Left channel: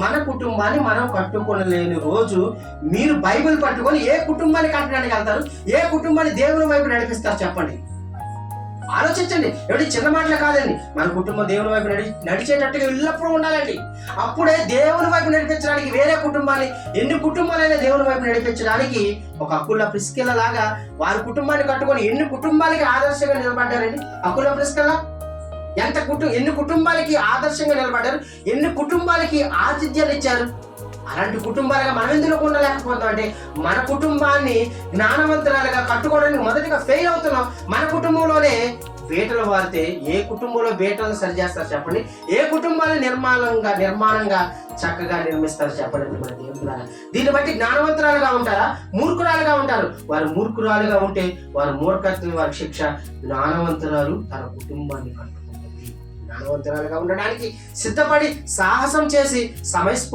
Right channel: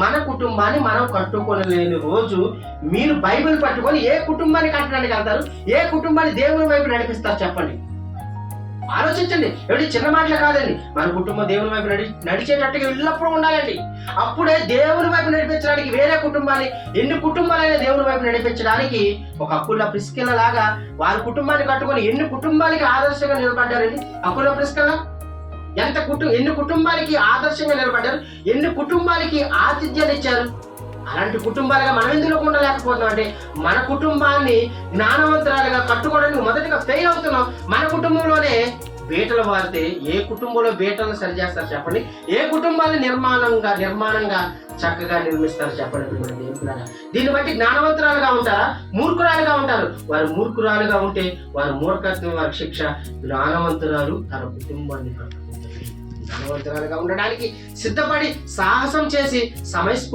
మన కుటుంబాన్ని మనం కట్టుకోలేని రోజు మీరు బైబిల్ పట్టుకొని ఏ కుటుంబాన్ని కట్టడానికి వెళ్తారు? ఏ కుటుంబాన్ని దేవుని వైపు నడిపిస్తారు చెప్పండి? ఆలోచించండి. ఏమిటి చిన్న మాటలు కాదండి. మన కుటుంబం దేవుని వైపు నడిచేటట్టుగా ఎల్లప్పుడూ ఉండాలండి. అప్పుడే దేవుని వైపు నడిపించడానికి వేరే కుటుంబాన్ని, ఎన్ని కుటుంబాలైనా దేవుని వైపు నడిపించడానికి ఒక అకుల ప్రిస్కిల్ల లాగా వారి కుటుంబాన్ని కట్టుకొని ఎన్ని కుటుంబాలకి ఆదర్శంగా నిలబడ్డారండి. అకుల ప్రిస్కిల్ల ఎన్ని కుటుంబాలకి ఆదర్శంగా నిలబడ్డారు, ఎన్ని కుటుంబాలకి ఆతిథ్యాన్ని ఇచ్చారు. అలాంటి కుటుంబాలుగా మనం ఎందుకు ఉండలేకపోతున్నాం అంటే మన కుటుంబాన్ని జ్ఞానవంతురాలుగా కట్టుకోవడానికి మొదటిగా ఫెయిల్ అవుతున్నాం. మన కుటుంబంలోనే బీటలు వారితే ఏ కుటుంబంలో బీటలు సరిచేస్తారు చెప్పండి? ఏ కుటుంబాన్ని నిర్మాణంగా చక్కగా నిర్మిస్తారు చెప్పండి? మన దేవులాగా దీన్ని బట్టి జ్ఞానవంతురాలుగా ఉంటారా, మూర్ఖురాలుగా ఉంటారు? వారు మూర్ఖురాలుగా ఉంటే వారి మూర్ఖత్వం, వారి శిక్ష. జ్ఞానవంతురాలు తన కుటుంబాన్ని కట్టుకుంటుంది. జ్ఞానవంతురాలుగా ఉండడానికి సిద్ధపడి సాహసం చేసి సమయస్ఫూర్తి